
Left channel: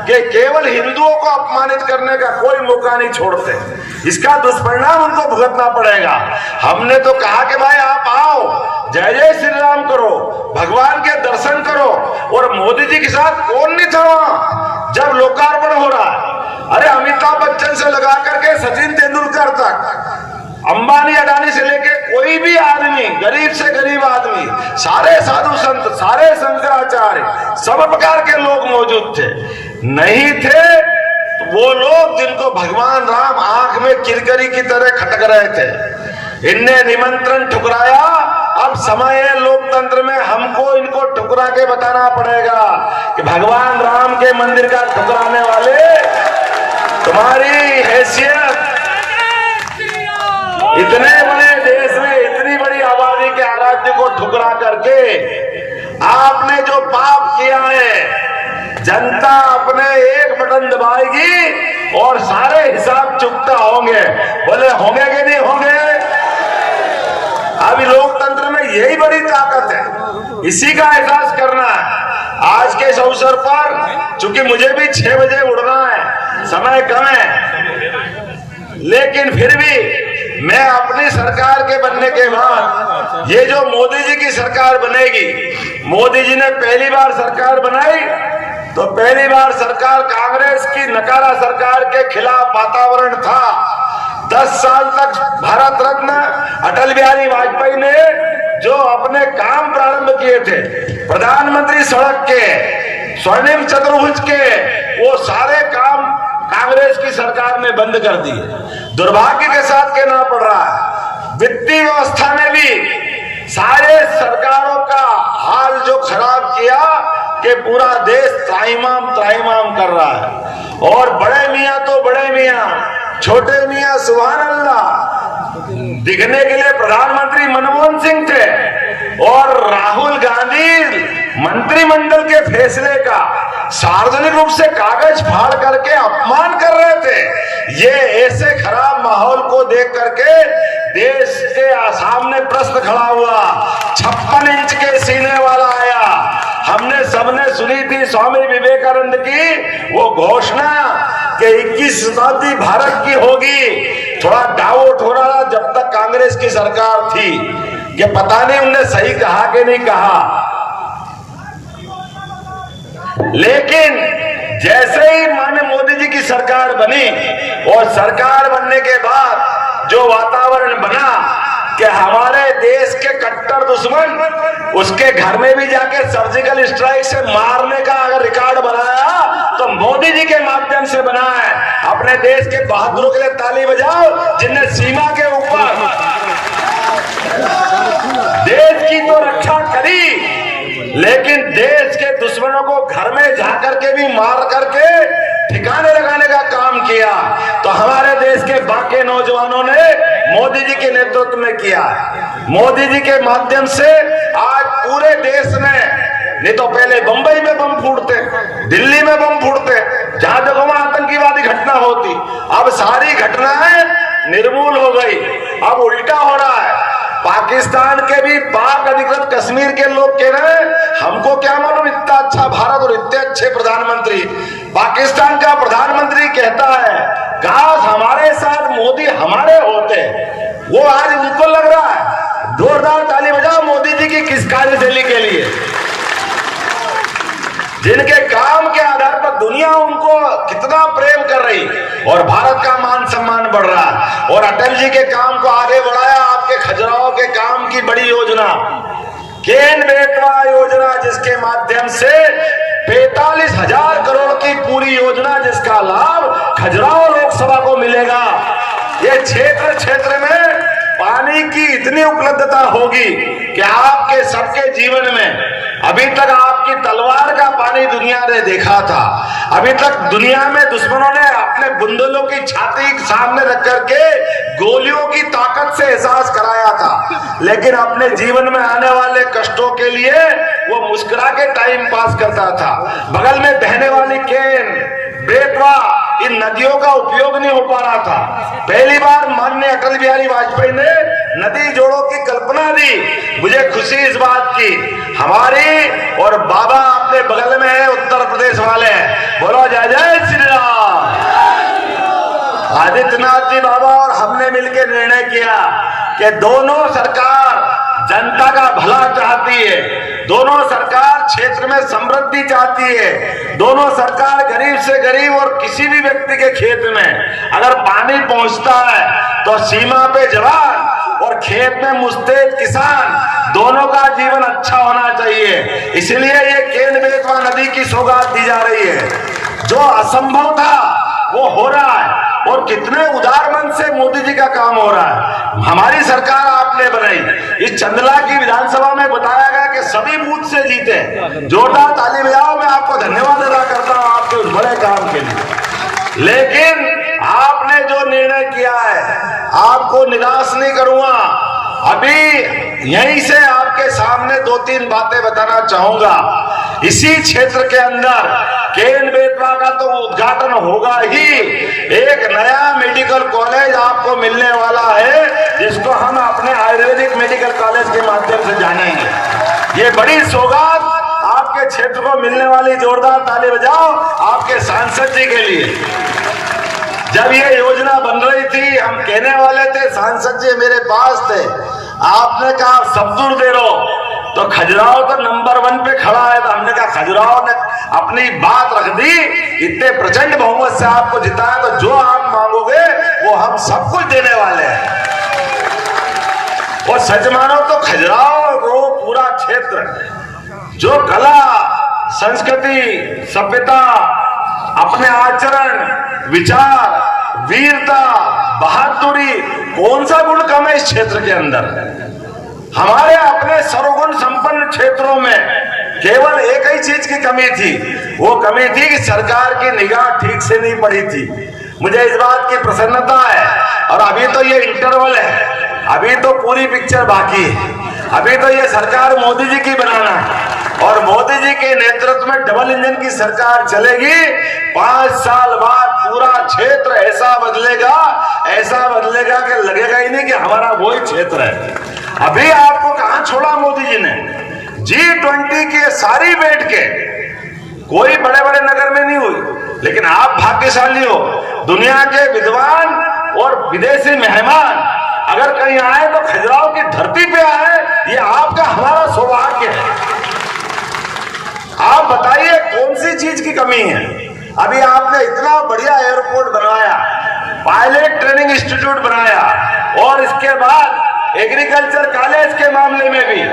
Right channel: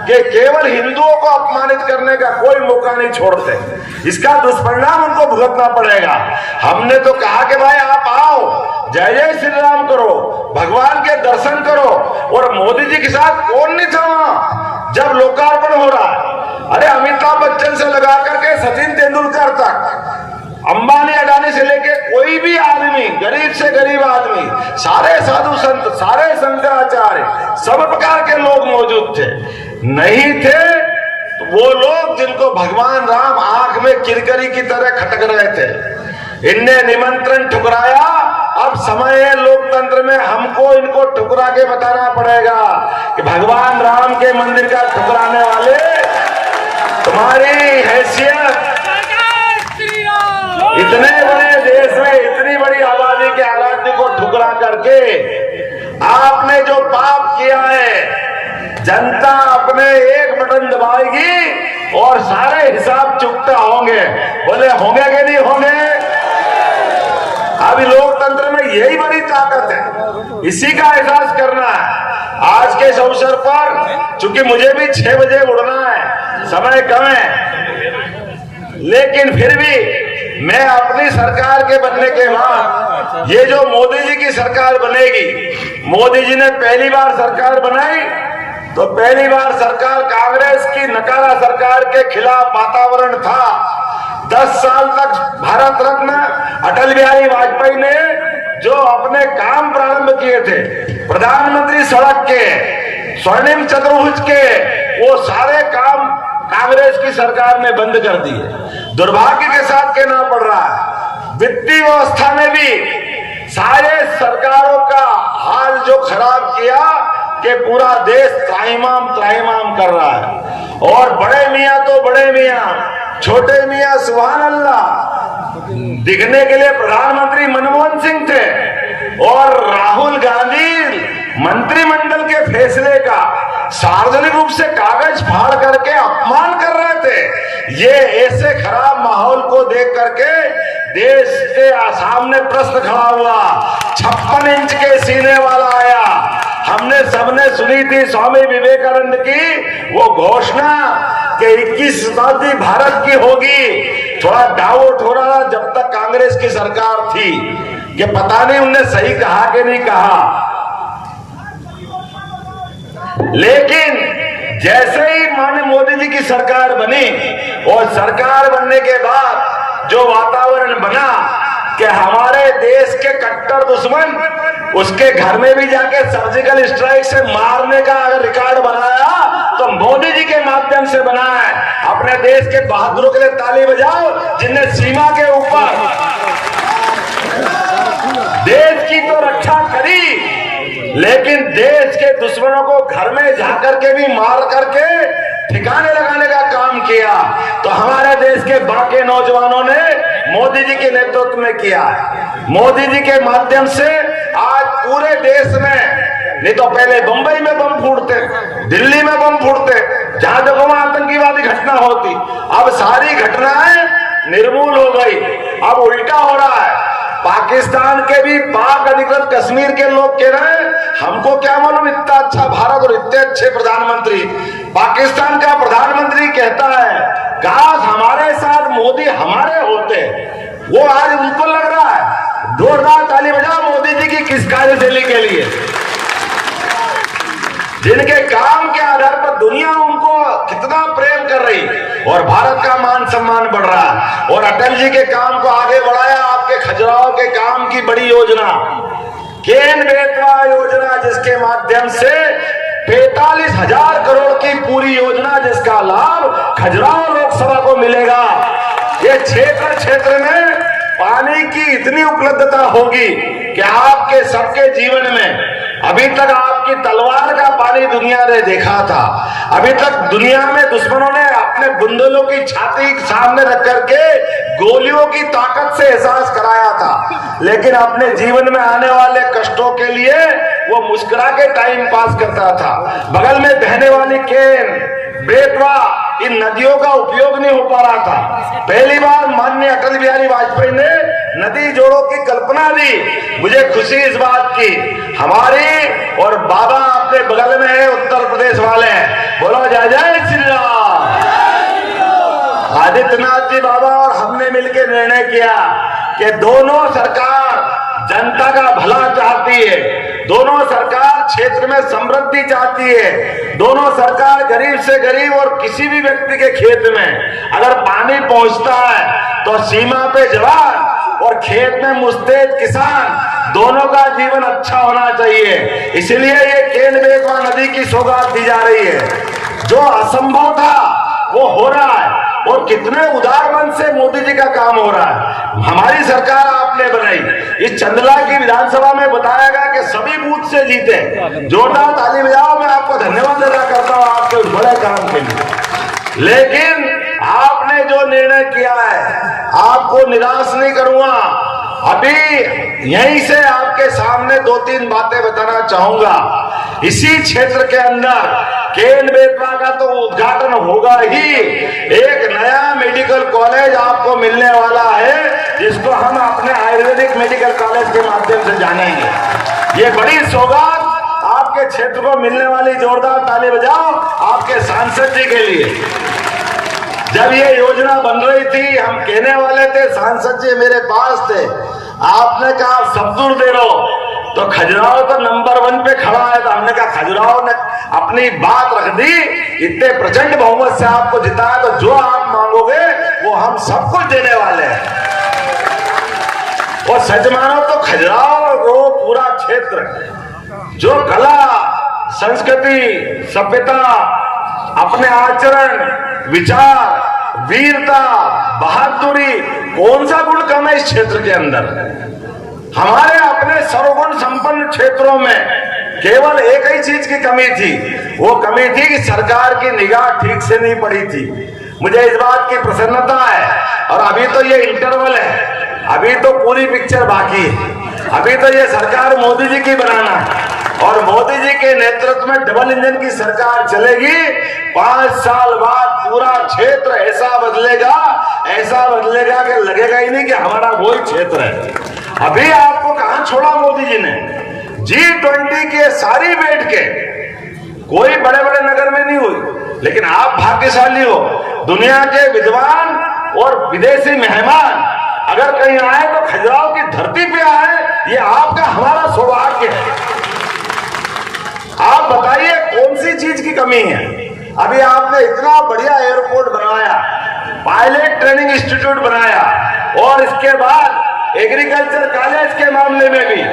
कि केवल हिंदुओं को अपमानित करने का कोई मौका नहीं छोड़ते। इसका दुष्परिणाम उनको भुगतना पड़ेगा। हमने तो कहा कि भाई आप आओ, जय जय श्री राम करो, भगवान के दर्शन करो। और मोदी जी के साथ कौन नहीं था वहां जब लोकार्पण हो रहा है? अरे अमिताभ बच्चन से लगा करके सचिन तेंदुलकर तक, अंबानी अडानी से लेके कोई भी आदमी, गरीब से गरीब आदमी, सारे साधु संत, सारे शंकराचार्य, सब प्रकार के लोग मौजूद थे। नहीं थे तो वो लोग जिनको भगवान राम आंख में किरकरी की तरह खटक रहे थे, इनने निमंत्रण ठुकराया। अब समय है लोकतंत्र में, हमको इनको ठुकरा के बताना पड़ेगा कि भगवान राम के मंदिर का ठुकराने वाले, तुम्हारी हैसियत इतने बड़े देश में, इतनी बड़ी आबादी के आराध्य को ठुकरा करके आपने जो पाप किया है, जनता अपने एक बटन दबाएगी और सारे हिसाब चुकता होंगे। बोले होंगे कि नहीं होंगे? अभी लोकतंत्र में यही बड़ी ताकत है, इसी का एहसास करना है। आज के इस अवसर पर, चूंकि मुझे भी 6 बजे उड़ना है, समय कम है, लेकिन फिर भी मैं अपनी सरकार के बनने के बाद, ये जो मोदी जी की सरकार बनेगी, मोदी जी ने पहली बार सरकार बनाई तो पहली बार सरकार कांग्रेस की नकारा सरकार के खिलाफ वातावरण था। 10 साल तक भारत रत्न अटल बिहारी वाजपेयी ने जो अपने काम प्रारंभ किए थे, प्रधानमंत्री सड़क के, स्वर्णिम चतुर्भुज के, वो सारे काम कांग्रेस की सरकार ने बंद कर दिए। दुर्भाग्य के साथ कहना पड़ रहा है, वित्तीय व्यवस्था में भी सारे सरकारों का हाल जो खराब किया कि पूरा देश त्राहिमाम कर रहा है। और बड़े मियां तो बड़े मियां, छोटे मियां सुभान अल्लाह दिखने के लिए प्रधानमंत्री मनमोहन सिंह थे और राहुल गांधी मंत्रिमंडल के फैसले का सार्वजनिक रूप से कागज फाड़ करके अपमान कर रहे थे। ये ऐसे खराब माहौल को देख करके देश के सामने प्रश्न खड़ा हुआ, 56 इंच के सीने वाला आया। हमने सबने सुनी थी स्वामी विवेकानंद की वो घोषणा कि 21 शताब्दी भारत की होगी। थोड़ा डाउट हो रहा जब तक कांग्रेस की सरकार थी, ये पता नहीं उनने सही कहा कि नहीं कहा। लेकिन जैसे ही माननीय मोदी जी की सरकार बनी और सरकार बनने के बाद जो वातावरण बना कि हमारे देश के कट्टर दुश्मन उसके घर में भी जाके सर्जिकल स्ट्राइक से मारने का अगर रिकॉर्ड बनाया तो मोदी जी के माध्यम से बना है। अपने देश के बहादुरों के लिए ताली बजाओ जिनने सीमा के ऊपर देश की तो रक्षा करी, लेकिन देश के दुश्मनों को घर में जाकर के भी मार करके ठिकाने लगाने का काम किया। तो हमारे देश के बाकी नौजवानों ने मोदी जी के नेतृत्व में किया। मोदी जी के माध्यम से आज पूरे देश में, नहीं तो पहले बंबई में बम फूटते, दिल्ली में बम फूटते, जहां देखो वहां आतंकवादी घटना होती, अब सारी घटनाएं निर्मूल हो गई। अब उल्टा हो रहा है, पाकिस्तान के भी पाक अधिकृत कश्मीर के लोग कह रहे हैं हमको क्या मालूम इतना अच्छा भारत और इतने अच्छे प्रधानमंत्री। पाकिस्तान का प्रधानमंत्री कहता है काश हमारे साथ मोदी हमारे होते। वो आज उनको लग रहा है। जोरदार ताली बजाओ मोदी जी की किस कार्यशैली के लिए, जिनके काम के आधार पर दुनिया उनको कितना प्रेम कर रही और भारत का मान सम्मान बढ़ रहा। और अटल जी के काम को आगे बढ़ाया, आपके खजुराहो के काम की बड़ी योजना केन बेतवा योजना, जिसके माध्यम से 45,000 करोड़ की पूरी योजना, जिसका लाभ खजुराहो लोकसभा को मिलेगा। ये क्षेत्र में पानी की इतनी उपलब्धता होगी कि आपके सबके जीवन में अभी तक आपकी तलवार का पानी दुनिया ने देखा था। अभी तक दुनिया में दुश्मनों ने अपने बुंदेलों की छाती के सामने रख करके गोलियों की ताकत से एहसास कराया था, लेकिन अपने जीवन में आने वाले कष्टों के लिए वो मुस्कुरा के टाइम पास करता था। बगल में बहने वाली केन बेतवा इन नदियों का उपयोग नहीं हो पा रहा था। पहली बार माननीय अटल बिहारी वाजपेयी ने नदी जोड़ों की कल्पना दी। मुझे खुशी इस बात की, हमारी और बाबा अपने बगल में है, उत्तर प्रदेश वाले, बोलो जय जय श्री राम। आदित्यनाथ जी बाबा और हमने मिलकर निर्णय किया कि दोनों सरकार जनता का भला चाहती है, दोनों सरकार क्षेत्र में समृद्धि चाहती है, दोनों सरकार गरीब से गरीब और किसी भी व्यक्ति के खेत में अगर पानी पहुंचता है तो सीमा पे जवान और खेत में मुस्तैद किसान, दोनों का जीवन अच्छा होना चाहिए। इसलिए ये केन बेतवा नदी की सौगात दी जा रही है। जो असंभव था वो हो रहा है और कितने उदार मन से मोदी जी का काम हो रहा है। हमारी सरकार आपने बनाई, इस चंदला की विधानसभा में बताया गया कि सभी बूथ से जीते। जोरदार ताली बजाओ, मैं आपको धन्यवाद अदा करता हूं आपके उस बड़े काम के लिए। लेकिन आपने जो निर्णय किया है आपको निराश नहीं करूंगा। अभी यहीं से आपके सामने 2-3 बातें बताना चाहूंगा। इसी क्षेत्र के अंदर केन बेतवा का तो उद्घाटन होगा ही, एक नया मेडिकल कॉलेज आपको मिलने वाला है जिसको हम अपने आयुर्वेदिक मेडिकल कॉलेज के माध्यम से जानेंगे। ये बड़ी सौगात आपके क्षेत्र को मिलने वाली, जोरदार ताली बजाओ आपके सांसद जी के लिए। जब ये योजना बन रही थी हम कहने वाले थे, सांसद जी मेरे पास थे, आपने कहा सब्जूर दे दो, तो खजुराहो तो नंबर 1 पे खड़ा है। तो हमने कहा खजुराहो ने अपनी बात रख दी, इतने प्रचंड बहुमत से आपको जिताया, तो जो आप मांगोगे वो हम सब कुछ देने वाले हैं। सच मानो तो खजुराहो वो पूरा क्षेत्र जो कला, संस्कृति, सभ्यता, अपने आचरण, विचार, वीरता, बहादुरी, कौन सा गुण कम है इस क्षेत्र के अंदर? हमारे अपने सर्वगुण संपन्न क्षेत्रों में केवल एक ही चीज की कमी थी, वो कमी थी कि सरकार की निगाह ठीक से नहीं पड़ी थी। मुझे इस बात की प्रसन्नता है, और अभी तो ये इंटरवल है, अभी तो पूरी पिक्चर बाकी है। अभी तो ये सरकार मोदी जी की बनाना है, और मोदी जी के नेतृत्व में डबल इंजन की सरकार चलेगी। 5 साल बाद पूरा क्षेत्र ऐसा बदलेगा कि लगेगा ही नहीं कि हमारा वही क्षेत्र है। अभी आपको कहां छोड़ा मोदी जी ने? G20 के सारी बैठ के, कोई बड़े बड़े नगर में नहीं हुई, लेकिन आप भाग्यशाली हो, दुनिया के विद्वान और विदेशी मेहमान अगर कहीं आए तो खजुराहो की धरती पे आए, ये आपका हमारा सौभाग्य है। आप बताइए कौन सी चीज की कमी है? अभी आपने इतना बढ़िया एयरपोर्ट बनवाया, पायलट ट्रेनिंग इंस्टीट्यूट बनाया, और इसके बाद एग्रीकल्चर कॉलेज के मामले में भी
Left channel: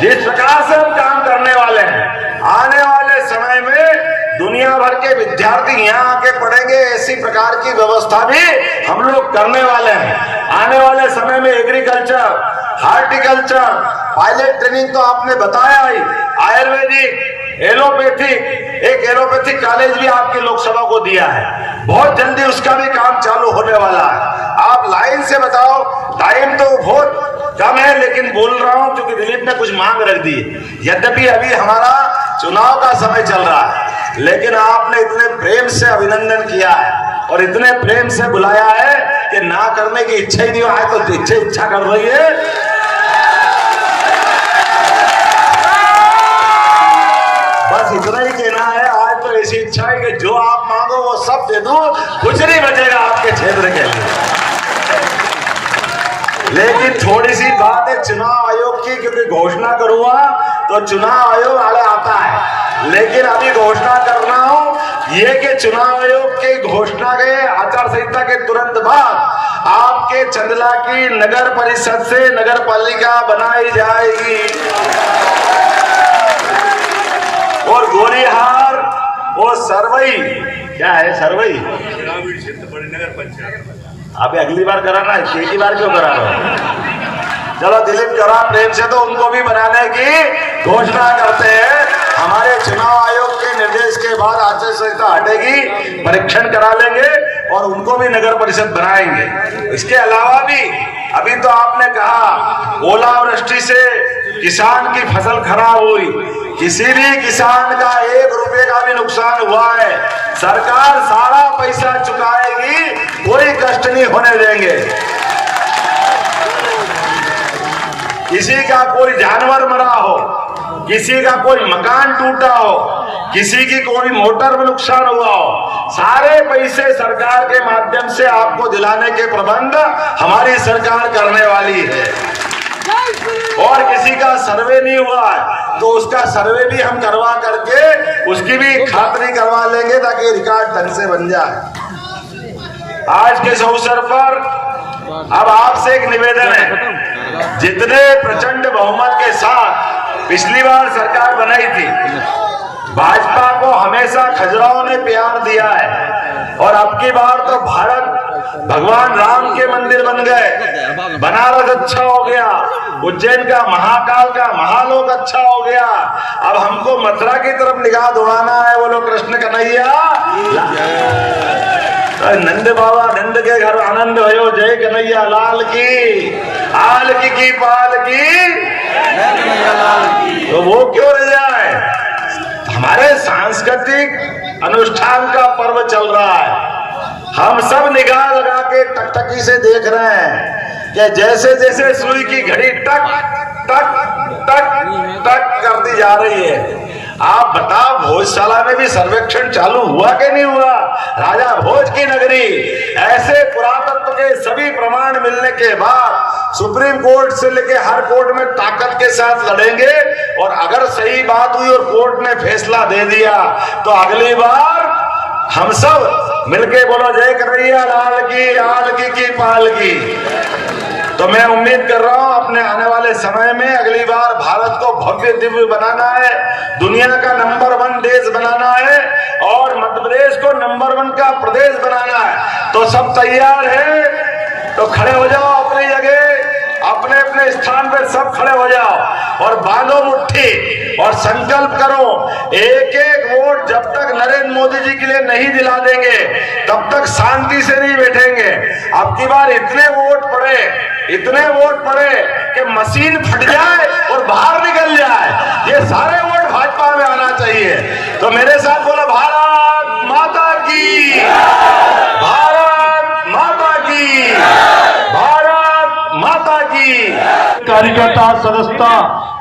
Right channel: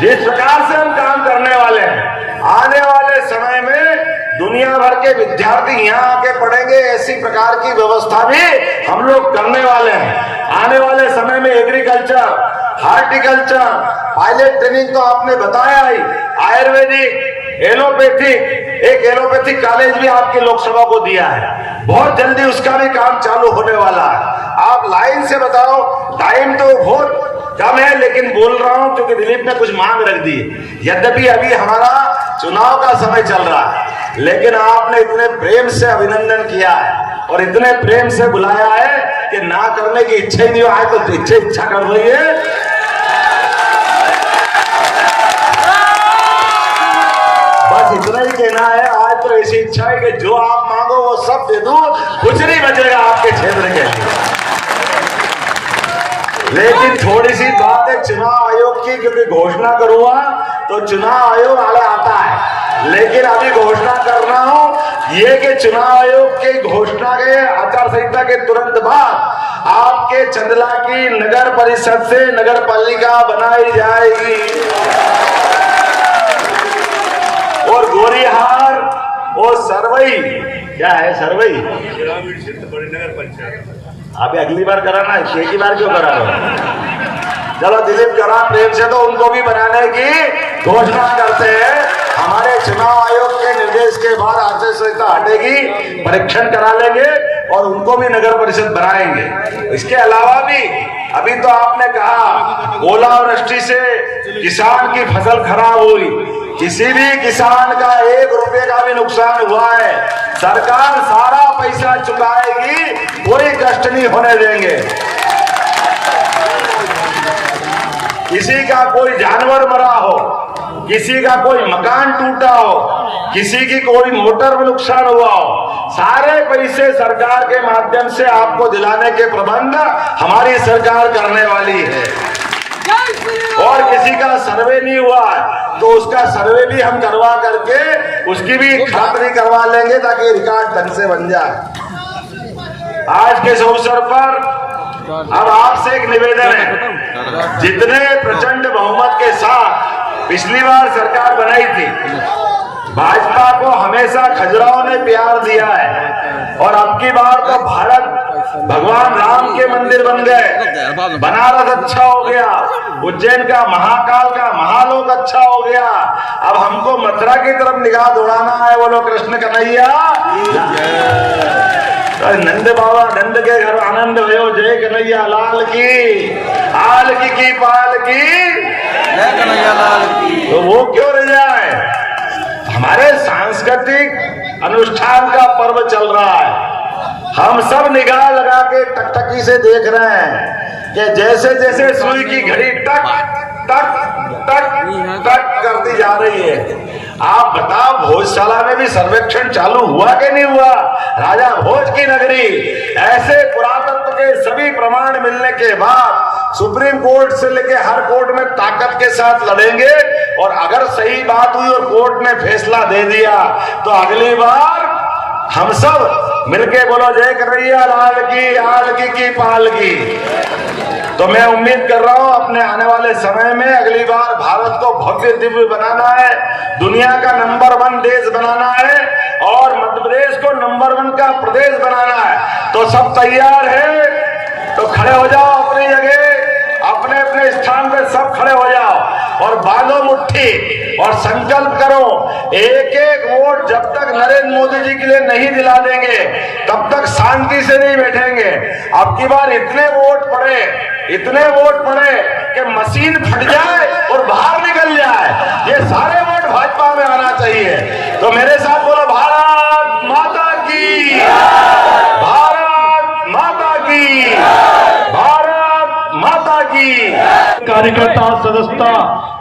जिस प्रकार से हम काम करने वाले हैं, आने वाले समय में दुनिया भर के विद्यार्थी यहाँ आके पढ़ेंगे, ऐसी प्रकार की व्यवस्था भी हम लोग करने वाले हैं। आने वाले समय में एग्रीकल्चर, हार्टिकल्चर, पायलट ट्रेनिंग तो आपने बताया ही, आयुर्वेदिक, एलोपैथिक, एक एलोपैथिक कॉलेज भी आपकी लोकसभा को दिया है, बहुत जल्दी उसका भी काम चालू होने वाला है। आप लाइन से बताओ, टाइम तो बहुत कम है, लेकिन बोल रहा हूं क्योंकि दिलीप ने कुछ मांग रख दी। यद्यपि अभी हमारा चुनाव का समय चल रहा है, लेकिन आपने इतने प्रेम से अभिनंदन किया है और इतने प्रेम से बुलाया है कि ना करने की इच्छा ही नहीं हो, आज तो इच्छा कर रही है। बस इतना ही कहना है, आज तो ऐसी इच्छा है कि जो आप मांगो वो सब दे दूं, कुछ नहीं बचेगा आपके क्षेत्र के अंदर। लेकिन थोड़ी सी बात है चुनाव आयोग की, क्योंकि घोषणा करूंगा तो चुनाव आयोग आगे आता है, लेकिन अभी घोषणा कर रहा हूं ये कि चुनाव आयोग के घोषणा के आचार संहिता के तुरंत बाद आपके चंदला की नगर परिषद से नगर पालिका बनाई जाएगी, और गोरीहार और सरवई, क्या है सरवई, आप अगली बार कराना, एक ही बार क्यों करा रहे हो? चलो दिलीप करा प्रेम से, तो उनको भी बनाने की घोषणा करते हैं। हमारे चुनाव आयोग के निर्देश के बाद आचार संहिता हटेगी, परीक्षण करा लेंगे और उनको भी नगर परिषद बनाएंगे। इसके अलावा भी अभी तो आपने कहा ओलावृष्टि से किसान की फसल खराब हुई, किसी भी किसान का 1 रुपए का भी नुकसान हुआ है, सरकार सारा पैसा चुकाएगी, कोई कष्ट नहीं होने देंगे। किसी का कोई जानवर मरा हो, किसी का कोई मकान टूटा हो, किसी की कोई मोटर में नुकसान हुआ हो, सारे पैसे सरकार के माध्यम से आपको दिलाने के प्रबंध हमारी सरकार करने वाली है। और किसी का सर्वे नहीं हुआ तो उसका सर्वे भी हम करवा करके उसकी भी खातरी करवा लेंगे, ताकि रिकॉर्ड ढंग से बन जाए। आज के इस अवसर पर अब आपसे एक निवेदन है, जितने प्रचंड बहुमत के साथ पिछली बार सरकार बनाई थी, भाजपा को हमेशा खजुराहो ने प्यार दिया है, और अब की बार तो भारत भगवान राम के मंदिर बन गए, बनारस अच्छा हो गया, उज्जैन का महाकाल का महालोक अच्छा हो गया, अब हमको मथुरा की तरफ निगाह दौड़ाना है। बोलो कृष्ण कन्हैया, नंद बाबा नंद के घर आनंद भयो, जय कन्हैया लाल की, आल की पाल की, जय कन्हैया लाल की। तो वो क्यों रह जाए? हमारे सांस्कृतिक अनुष्ठान का पर्व चल रहा है, हम सब निगाह लगा के टकटकी से देख रहे हैं कि जैसे जैसे सुई की घड़ी टक टक टक टक करती जा रही है। आप बताओ भोजशाला में भी सर्वेक्षण चालू हुआ कि नहीं हुआ? राजा भोज की नगरी, ऐसे पुरातत्व के सभी प्रमाण मिलने के बाद सुप्रीम कोर्ट से लेके हर कोर्ट में ताकत के साथ लड़ेंगे, और अगर सही बात हुई और कोर्ट ने फैसला दे दिया तो अगली बार हम सब मिलके बोलो जय कन्हैया लाल की, आल की पाल की। तो मैं उम्मीद कर रहा हूं अपने आने वाले समय में अगली बार भारत को भव्य दिव्य बनाना है, दुनिया का नंबर 1 देश बनाना है और मध्य प्रदेश को नंबर 1 का प्रदेश बनाना है। तो सब तैयार है तो खड़े हो जाओ अपनी जगह, अपने अपने स्थान पे सब खड़े हो जाओ और बांधो मुट्ठी और संकल्प करो, एक एक वोट जब तक नरेंद्र मोदी जी के लिए नहीं दिला देंगे तब तक शांति से नहीं बैठेंगे। अब की बार इतने वोट पड़े कि मशीन फट जाए और बाहर निकल जाए, ये सारे वोट भाजपा में आना चाहिए। तो मेरे साथ बोलो भारत माता की, भारत माता की, भारत माता की। कार्यकर्ता सदस्यता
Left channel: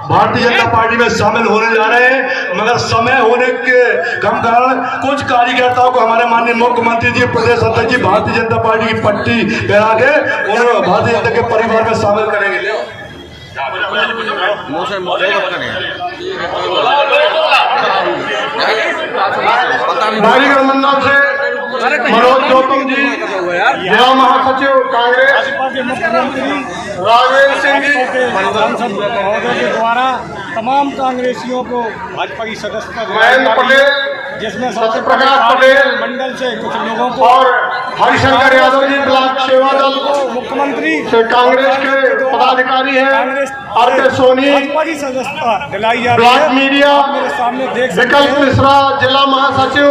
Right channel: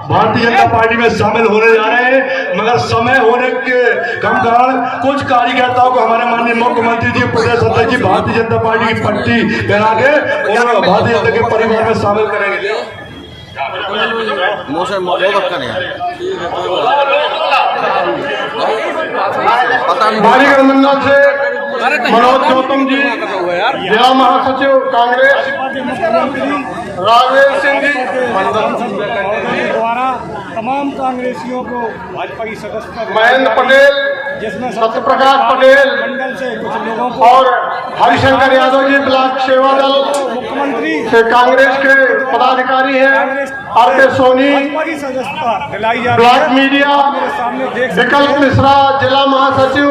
भारतीय जनता पार्टी में शामिल होने जा रहे हैं, मगर समय होने के कम कारण कुछ कार्यकर्ताओं को हमारे माननीय मुख्यमंत्री जी, प्रदेश अध्यक्ष जी भारतीय जनता पार्टी की पट्टी पहना के उन्हें भारतीय जनता के परिवार में शामिल करेंगे। बालीगढ़ मंडल से मनोज गौतम जी, जिला महासचिव कांग्रेस राजेश सिंह जी के द्वारा तमाम कांग्रेसियों को भाजपा की सदस्यता महेंद्र पटेल, जिसमें सत्यप्रकाश पटेल मंडल से कुछ लोगों को और हरिशंकर यादव जी ब्लॉक सेवा दल मुख्यमंत्री से कांग्रेस के पदाधिकारी हैं, आरके सोनी भाजपा की सदस्यता दिलाई जा रही ब्लॉक है। मीडिया, मेरे सामने देख सकते विकल्प हैं मिश्रा जिला महासचिव,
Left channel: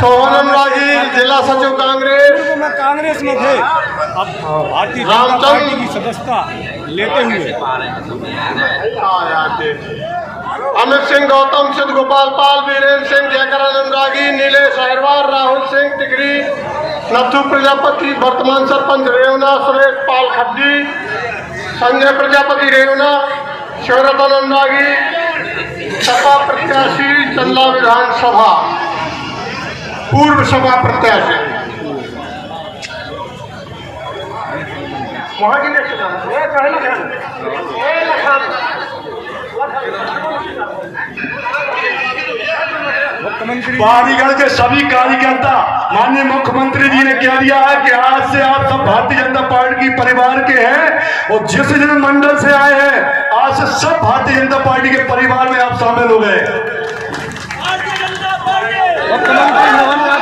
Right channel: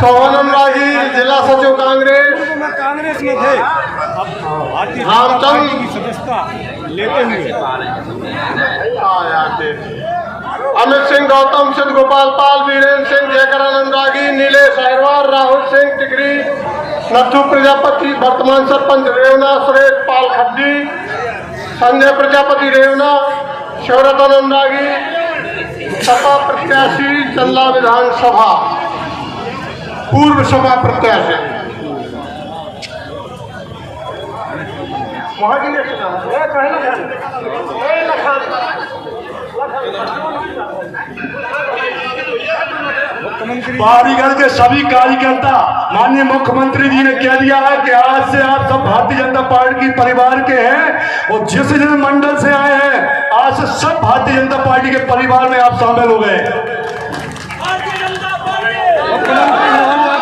सोहनन राजी जिला सचिव कांग्रेस, तो मैं कांग्रेस में थे, अब भारतीय जनता रामचंद्र पार्टी की सदस्यता लेते हुए अमित सिंह, गौतम सिंह, गोपाल पाल, वीरेंद्र सिंह, जयकरानंद रागी, नीलेश अहिरवार, राहुल सिंह टिकरी, नथु प्रजापति, वर्तमान सरपंच रेवना, सुरेश पाल खब्जी, संजय प्रजापति रेवना, शौरतानंद रागी, सपा प्रत्याशी चंदला विधानसभा, पूर्व सपा प्रत्याशी। बालीगढ़ के सभी कार्यकर्ता माननीय मुख्यमंत्री जी ने कह दिया है कि आज से आप सब भारतीय जनता पार्टी की परिवार के हैं और जिस जिस मंडल से आए हैं आज से सब भारतीय जनता पार्टी के परिवार में आप शामिल हो गए। मुख्यमंत्री